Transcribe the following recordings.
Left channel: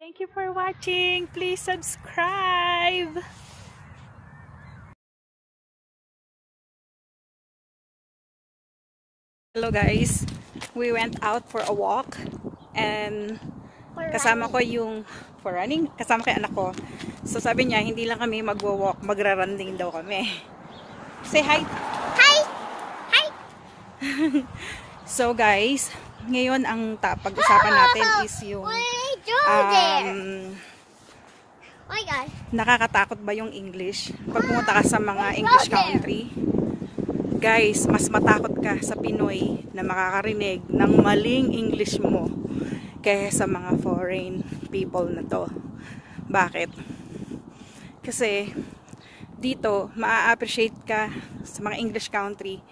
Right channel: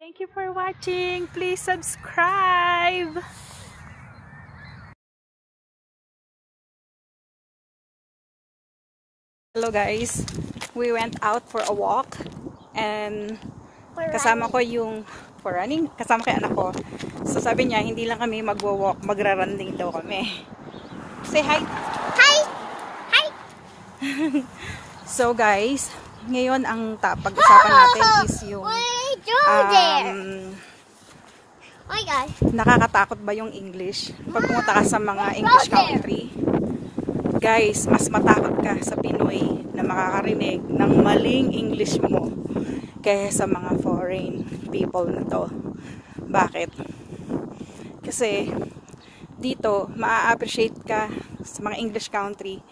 Thank you for watching. Please subscribe. Hello guys. We went out for a walk and kasama ko yung for running. Kasama ko yung anak ko. So sabi niya, hindi lang kami magwo-walk, magra-run din daw kami. Say hi. Hi. Hi. So guys, ngayon ang pag-usapan natin is yung nakakatakot ba yung English? Pag pumunta ka sa mga English country, guys, mas matakot ka sa Pinoy na makakarinig ng maling English mo kaysa sa mga foreign people na to. Bakit? Kasi dito, maa-appreciate ka sa mga English country,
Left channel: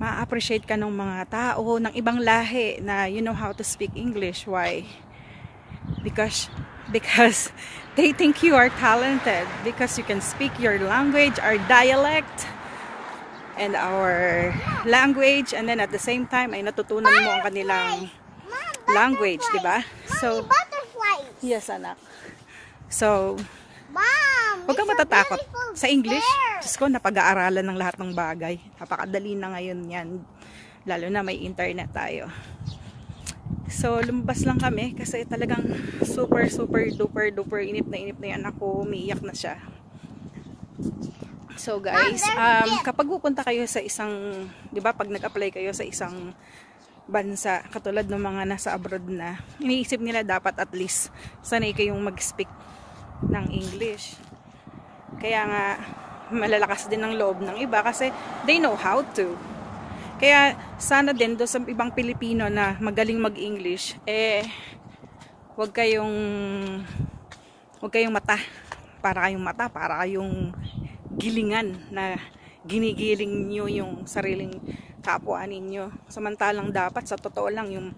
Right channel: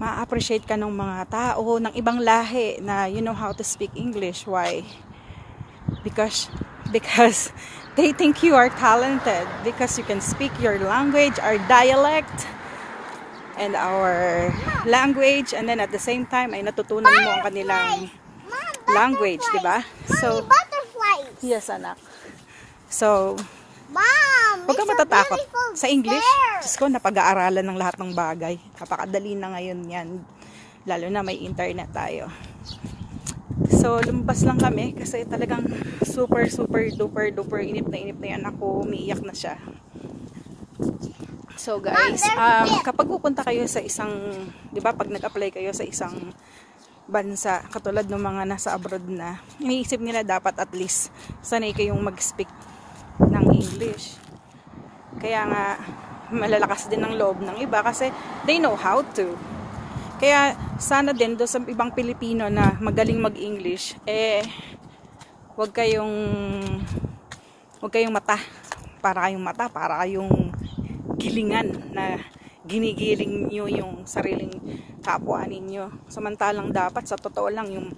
maa-appreciate ka ng mga tao ng ibang lahi na you know how to speak English. Why? Because they think you are talented because you can speak your language, our dialect, and our language, and then at the same time ay natutunan mo ang kanilang language, di ba? So, yes anak. So, huwag kang matatakot sa English. Diyos ko, napag-aaralan ng lahat ng bagay. Napakadali na ngayon yan. Lalo na may internet tayo. So, lumabas lang kami kasi talagang super duper inip na yan ako. Umiiyak na siya. So guys, kapag pupunta kayo sa isang, di ba, pag nag-apply kayo sa isang bansa, katulad ng mga nasa abroad na, iniisip nila dapat at least sanay kayong mag-speak ng English. Kaya nga, malalakas din ang loob ng iba kasi they know how to. Kaya sana din do sa ibang Pilipino na magaling mag-English, wag kayong mata, para kayong gilingan na ginigiling nyo yung sariling kapwa ninyo. Samantalang dapat sa totoo lang yung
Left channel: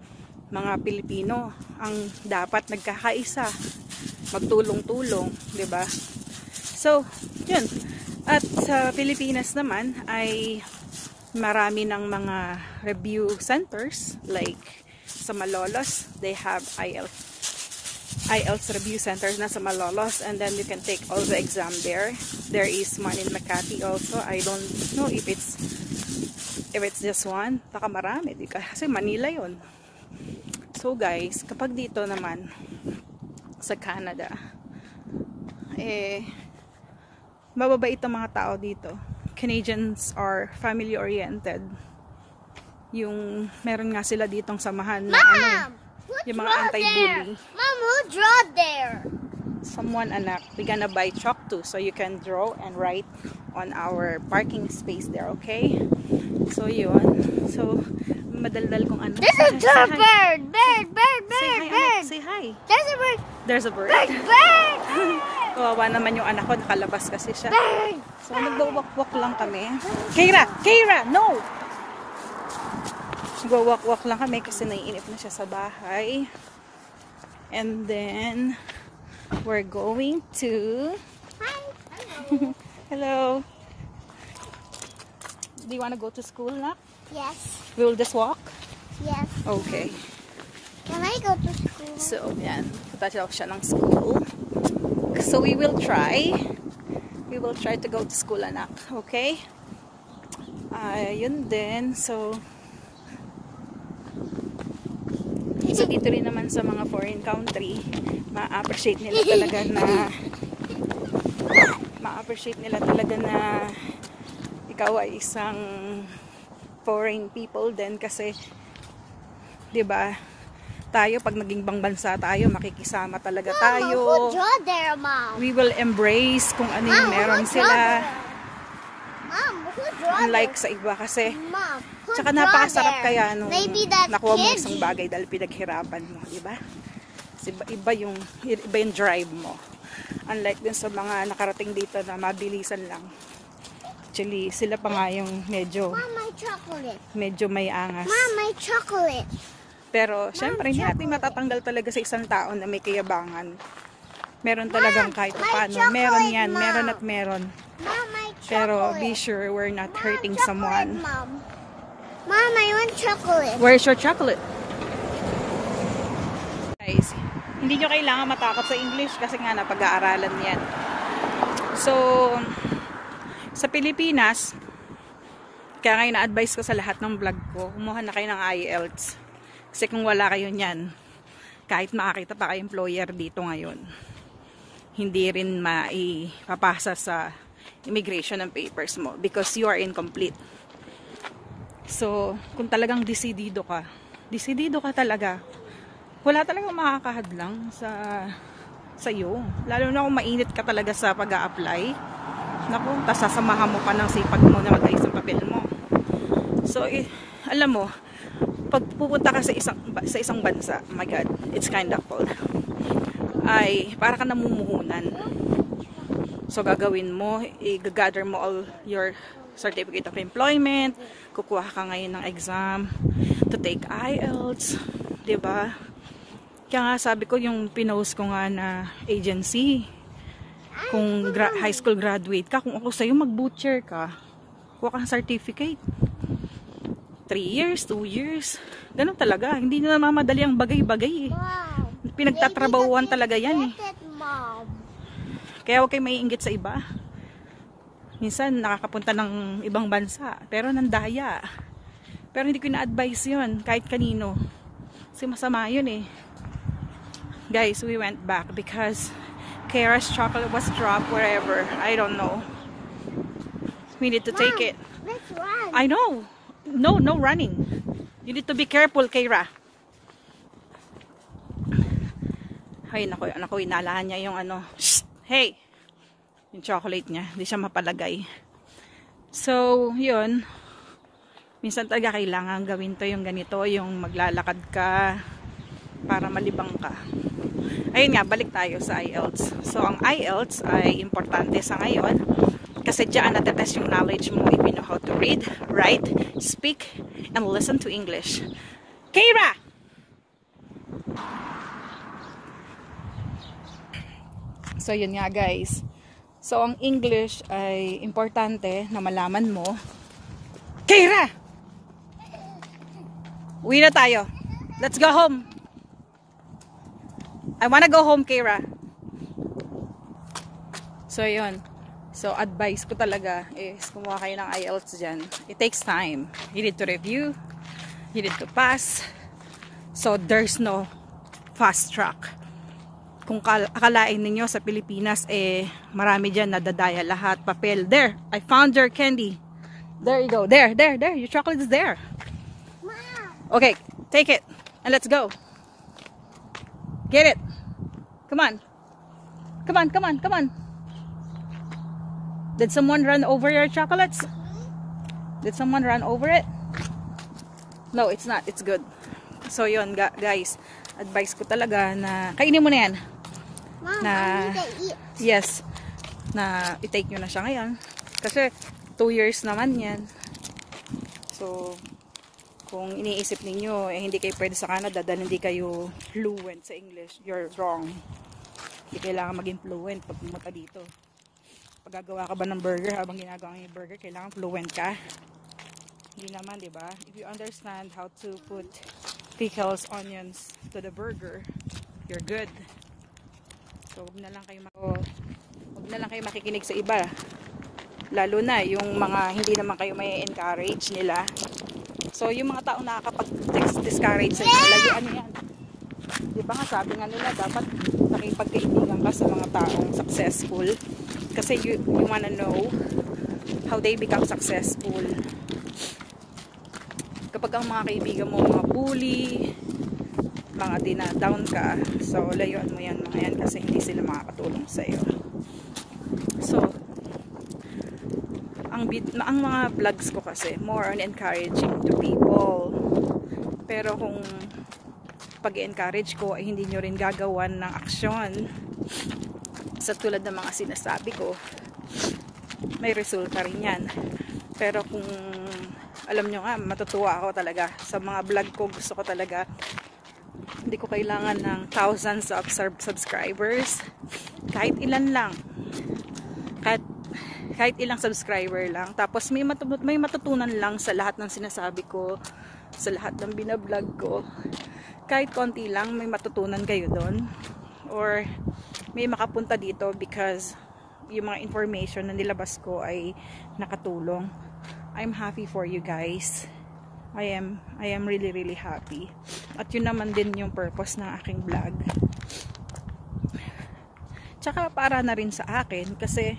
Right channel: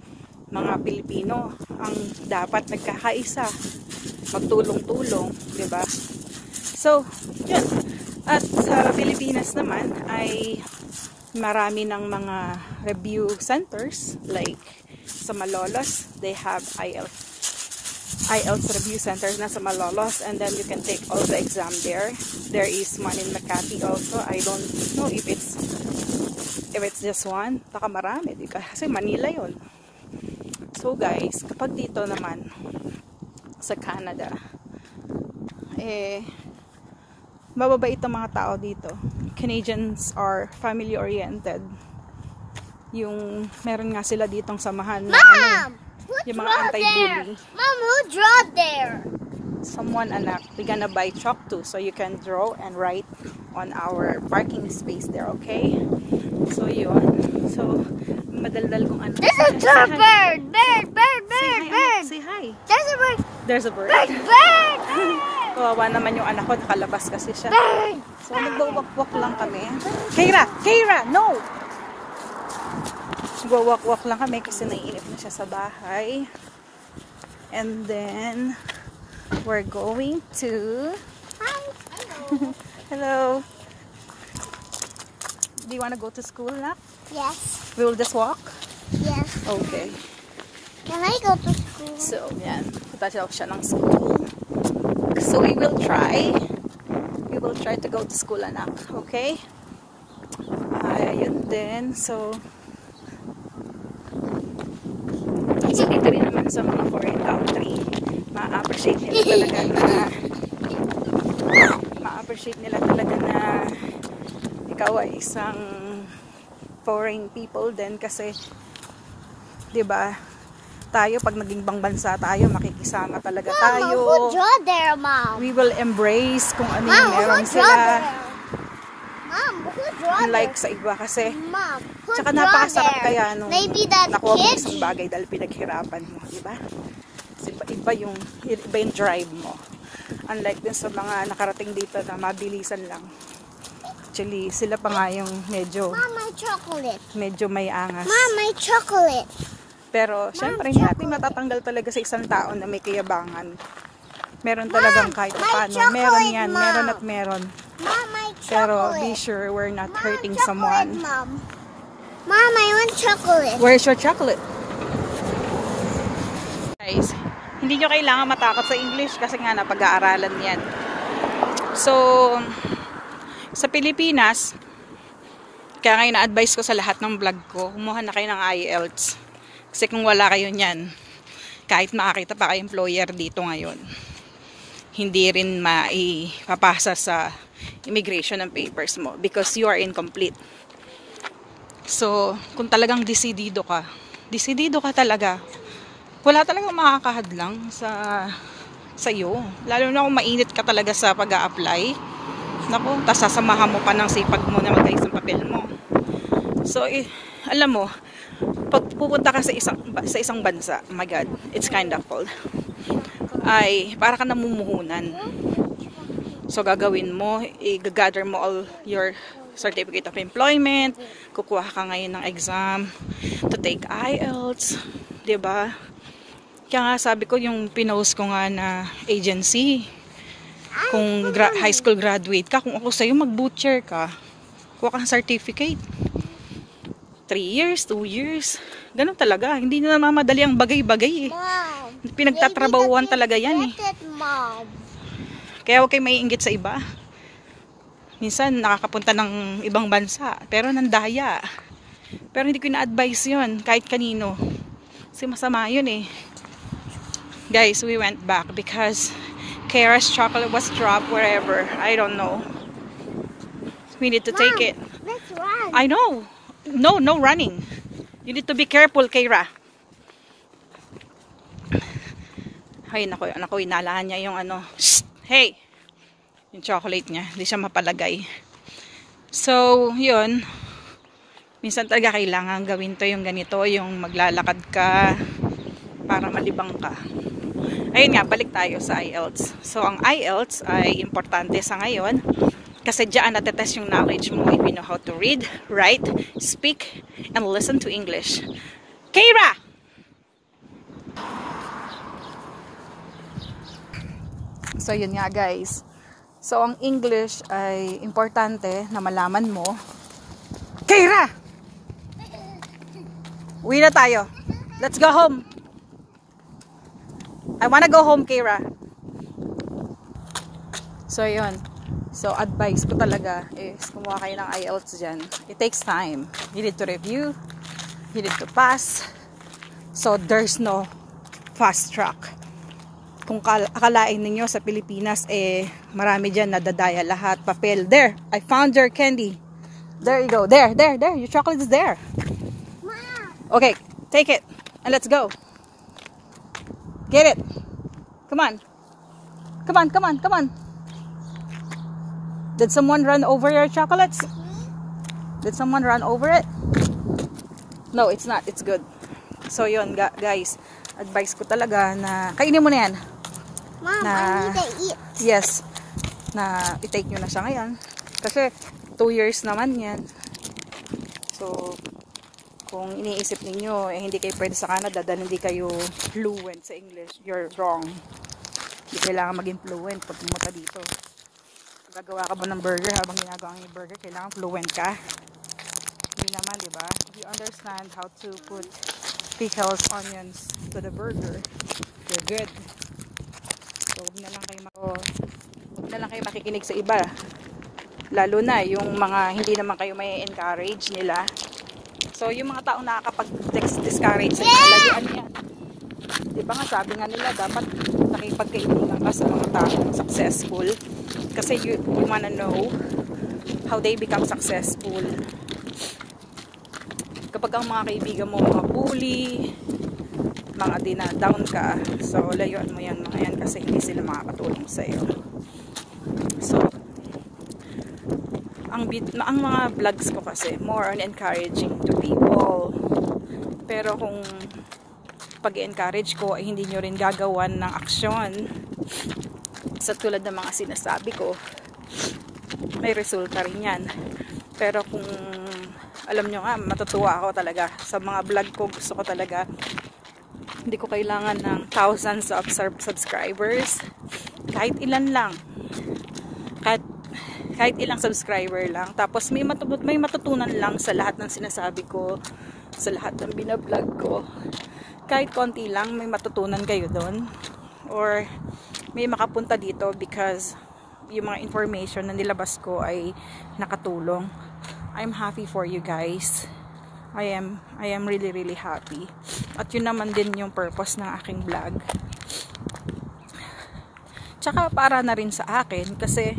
mga Pilipino ang dapat nagkakaisa, magtulong-tulong, di ba? So, yun. At sa Pilipinas naman ay marami ng mga review centers, like sa Malolos, they have IELTS review centers na sa Malolos, and then you can take all the exam there. There is one in Makati also. I don't know if it's just one. Baka marami, kasi Manila yon. So guys, kapag dito naman sa Canada, mababait ang mga tao dito. Canadians are family oriented. Yung meron nga sila ditong samahan na yung mga anti-bully. Mom, who draw there? Someone, anak, we gonna buy chalk too, so you can draw and write on our parking space there, okay? So yun. So, madaldal kong ano. This is a bird! Bird! Say hi. There's a bird! There's a bird. Bird! Kawawa naman yung anak ko, nakalabas kasi siya. Bird! So, nagbawak-wak lang kami. Keira! No! Walk lang kami kasi naiinit na siya sa bahay. And then we're going to Hello. Do you want to go to school now? Yes. We will just walk? Yes. Okay. Can I go to school? So, yan. Punta siya ng school. So, we will try to go to school, anak. Okay? Yun din. So, dito rin naman sa mga foreign country, ma-appreciate nila talaga na ikaw ay isang foreign people din kasi 'di ba tayo pag naging ibang bansa tayo makikisama talaga tayo. Mom, who draw there, Mom? We will embrace kung ano yung meron sila. Mom, who draw unlike there? sa iba kasi Mom, tsaka napakasarap kaya nung maybe that nakuha mo kid. isang bagay dahil pinaghirapan mo, di ba? Iba yung drive mo. Unlike dun sa mga nakarating dito na mabilisan lang. Actually, sila pa nga yung medyo Mom, my chocolate. medyo may angas. Mom, my chocolate. Pero, syempre, hindi natin matatanggal talaga sa isang tao na may kayabangan. Meron talagang kahit paano. Meron yan, Mom. meron at meron. Mom, my chocolate. Pero, be sure we're not hurting someone. Mom. Mom, I want chocolate. Where's your chocolate? Guys, Hindi nyo kailangan matakot sa English kasi nga napag-aaralan yan. So, sa Pilipinas, kaya ngayon na-advise ko sa lahat ng vlog ko, kumuha na kayo ng IELTS. Kasi kung wala kayo niyan, kahit makakita pa kayo employer dito ngayon, hindi rin maipapasa sa immigration ng papers mo because you are incomplete. So, kung talagang desidido ka talaga, wala talagang makakahadlang sa iyo. Lalo na kung mainit ka talaga sa pag-a-apply. Naku, tas sasamahan mo pa ng sipag mo na mag-ayos sa papel mo. So, alam mo, pag pupunta ka sa isang bansa, oh my God, it's kind of cold. Ay, para ka namumuhunan. So, gagawin mo, i-gather mo all your certificate of employment, kukuha ka ngayon ng exam to take IELTS, 'di ba? Kaya nga sabi ko yung pinost ko nga na agency, kung high school graduate ka, kung ako sa'yo mag-butcher ka, kuha ka ng certificate. 3 years, 2 years, ganun talaga. Hindi na namamadali ang bagay-bagay eh. Pinagtatrabahuan talaga yan eh. Kaya huwag kayo maiinggit sa iba. Minsan nakakapunta ng ibang bansa, pero nandaya. Pero hindi ko na-advise yun, kahit kanino. Kasi masama yun eh. Guys, we went back because Kara's chocolate was dropped wherever. I don't know. We need to take it. Let's run. I know. No running. You need to be careful, Kara. Ay, naku, inalahan niya yung ano. Shh! Hey! Yung chocolate niya. Hindi siya mapalagay. So, yun. Minsan talaga kailangan gawin to yung ganito. Yung maglalakad ka para malibang ka. Ayun nga, balik tayo sa IELTS. So, ang IELTS ay importante sa ngayon kasi diyan natetest yung knowledge mo if you know how to read, write, speak, and listen to English. Kara! So, yun nga guys. So, ang English ay importante na malaman mo. Kara! Uwi na tayo. Let's go home. I wanna go home, Kara. So, yun. So, advice ko talaga is kumuha kayo ng IELTS dyan. It takes time. You need to review. You need to pass. So, there's no fast track. Kung akalain ninyo sa Pilipinas, marami dyan nadadaya lahat. Papel. There. I found your candy. There you go. There. Your chocolate is there. Okay. Take it. And let's go. Get it. Come on. Come on. Did someone run over your chocolates? Did someone run over it? No, it's not. It's good. So, yun, guys. Advice ko talaga na kainin mo na yan. Mom, na, I need to eat. Yes. Na i-take nyo na siya ngayon. Kasi 2 years naman yan. So, kung iniisip ninyo, hindi kayo pwede sa Canada dahil hindi kayo fluent sa English, you're wrong. Hindi kailangan maging fluent pag pumunta dito. Pag gagawa ka ba ng burger, habang ginagawa yung burger, kailangan fluent ka? Hindi naman, di ba? If you understand how to put pickles, onions to the burger, you're good. So, huwag na lang kayo makikinig sa iba. Lalo na yung mga hindi naman kayo may encourage nila. So, yung mga taong nakakapag-discourage sa inyo, lagi ano yan. Di ba nga, sabi nga nila, dapat nakipagkaibigan ka sa mga taong successful. Kasi you wanna know how they become successful. Kapag ang mga kaibigan mo, mga bully, mga dinadown ka, so, layuan mo yan mga yan kasi hindi sila makakatulong sa'yo. So, ang mga vlogs ko kasi more on encouraging to people. Pero kung pag-encourage ko ay hindi nyo rin gagawan ng aksyon sa tulad ng mga sinasabi ko, may resulta rin yan. Pero kung alam nyo nga, matutuwa ako talaga sa mga vlog ko. Gusto ko talaga, hindi ko kailangan ng thousands of subscribers, kahit ilan lang, kahit ilang subscriber lang. Tapos may matutunan lang sa lahat ng sinasabi ko, sa lahat ng binablog ko. Kahit konti lang, may matutunan kayo doon. or may makapunta dito because yung mga information na nilabas ko ay nakatulong. I'm happy for you guys. I am really happy. At yun naman din yung purpose ng aking vlog. Tsaka para na rin sa akin kasi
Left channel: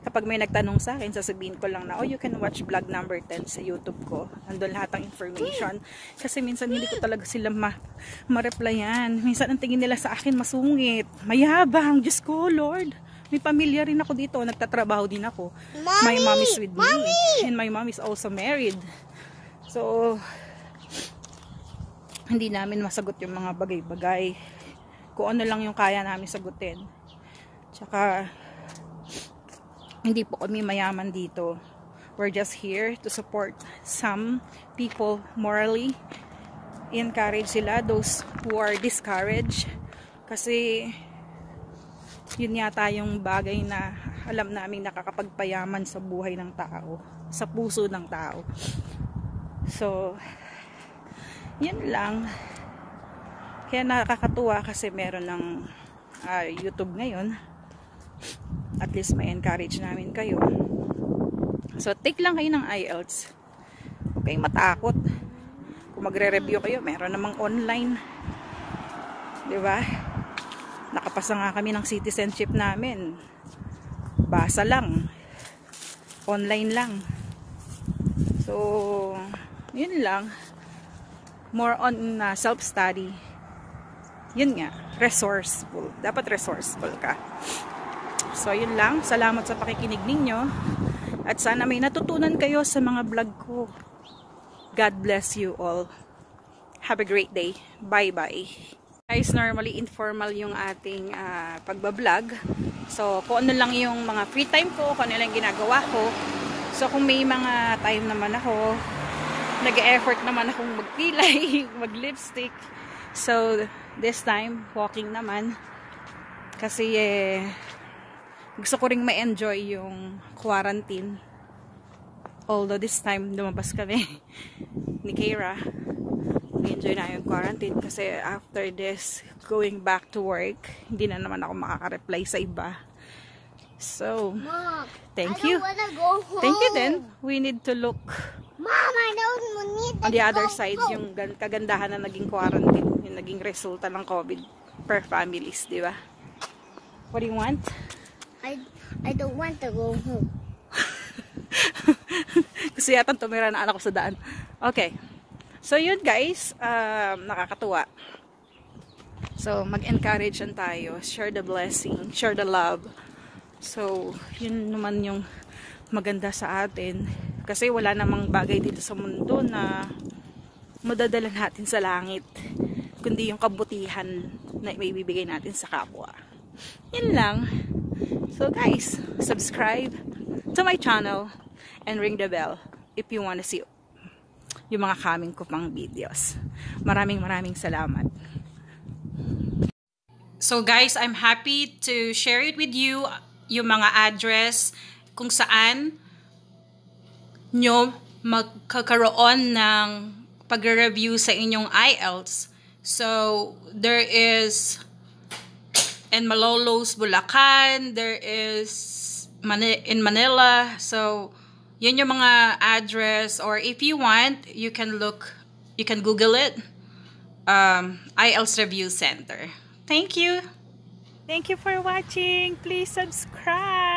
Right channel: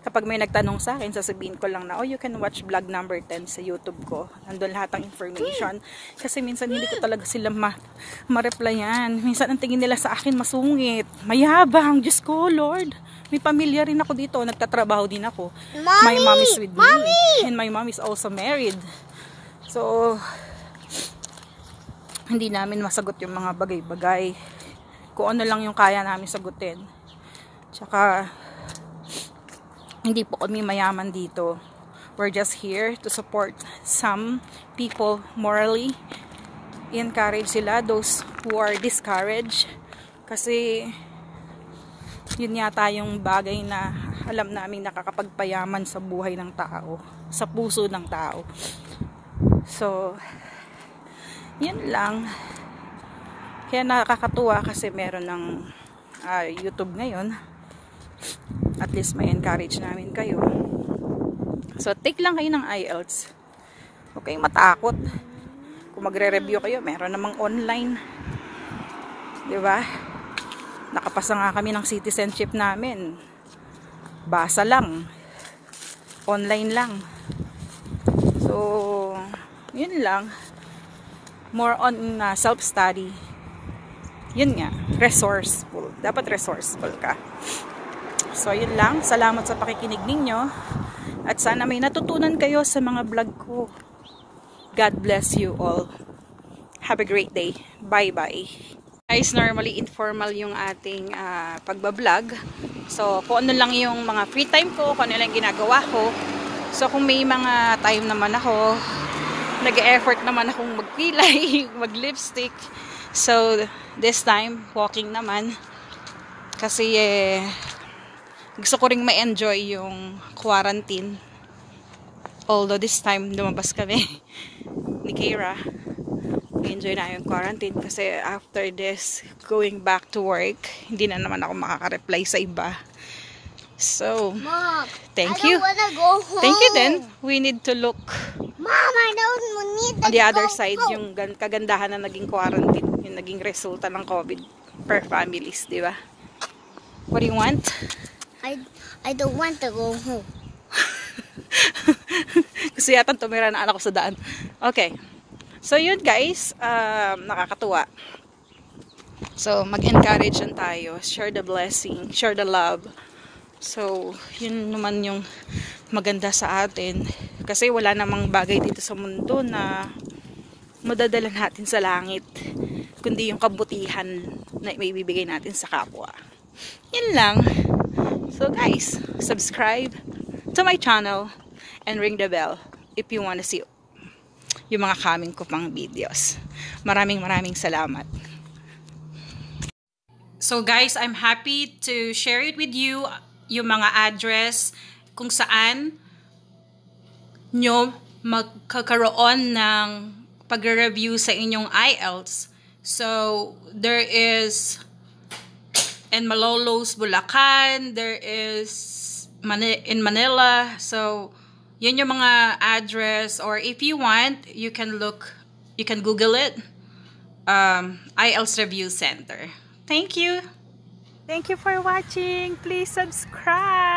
kapag may nagtanong sa akin, sasabihin ko lang na, oh, you can watch vlog number 10 sa YouTube ko. Andun lahat ng information. Kasi minsan hindi ko talaga sila ma-replyan. Minsan ang tingin nila sa akin masungit, mayabang. Diyos ko, Lord. May pamilya rin ako dito. Nagtatrabaho din ako. My mom is with me. And my mom is also married. So, hindi namin masagot yung mga bagay-bagay. Kung ano lang yung kaya namin sagutin. Tsaka, hindi po kami mayaman dito. We're just here to support some people morally. I-encourage sila, those who are discouraged. Kasi, yun yata yung bagay na alam namin nakakapagpayaman sa buhay ng tao. Sa puso ng tao. So, yun lang. Kaya nakakatuwa kasi meron ng YouTube ngayon. At least may encourage namin kayo. So, take lang kayo ng IELTS. Huwag kayong matakot. Kung magre-review kayo, meron namang online. Diba? Nakapasa nga kami ng citizenship namin. Basa lang. Online lang. So, yun lang. More on self-study. Yun nga. Resourceful. Dapat resourceful ka. So, yun lang. Salamat sa pakikinig ninyo. At sana may natutunan kayo sa mga vlog ko. God bless you all. Have a great day. Bye-bye. Guys, normally informal yung ating pagbablog. So, kung ano lang yung mga free time ko, kung ano lang ginagawa ko. So, kung may mga time naman ako, nag-e-effort naman akong magpilay, mag-lipstick. So, this time, walking naman. Kasi, gusto ko ring ma-enjoy yung quarantine. Although this time, lumabas kami ni Kira. Enjoy na yung quarantine kasi after this, going back to work, hindi na naman ako makaka-reply sa iba. So, Mom, thank I you. don't wanna go home. Thank you then. We need to look Mom, I don't need to on the other go side home. yung kagandahan na naging quarantine, yung naging resulta ng COVID per families, di ba? What do you want? I don't want to go home. Kasi yata tumira na anak ko sa daan. Okay. So, yun guys, nakakatuwa. So, mag-encourage lang tayo. Share the blessing, share the love. So, yun naman yung maganda sa atin. Kasi wala namang bagay dito sa mundo na madadala natin sa langit. Kundi yung kabutihan na may bibigay natin sa kapwa. Yun lang. So, guys, subscribe to my channel and ring the bell if you want to see yung mga coming ko pang videos. Maraming salamat. So guys, I'm happy to share it with you yung mga address kung saan nyo magkakaroon ng pag-review sa inyong IELTS. So, there is in Malolos, Bulacan, there is in Manila. So, yun yung mga address, or if you want, you can Google it. IELTS Review Center. Thank you. Thank you for watching. Please subscribe.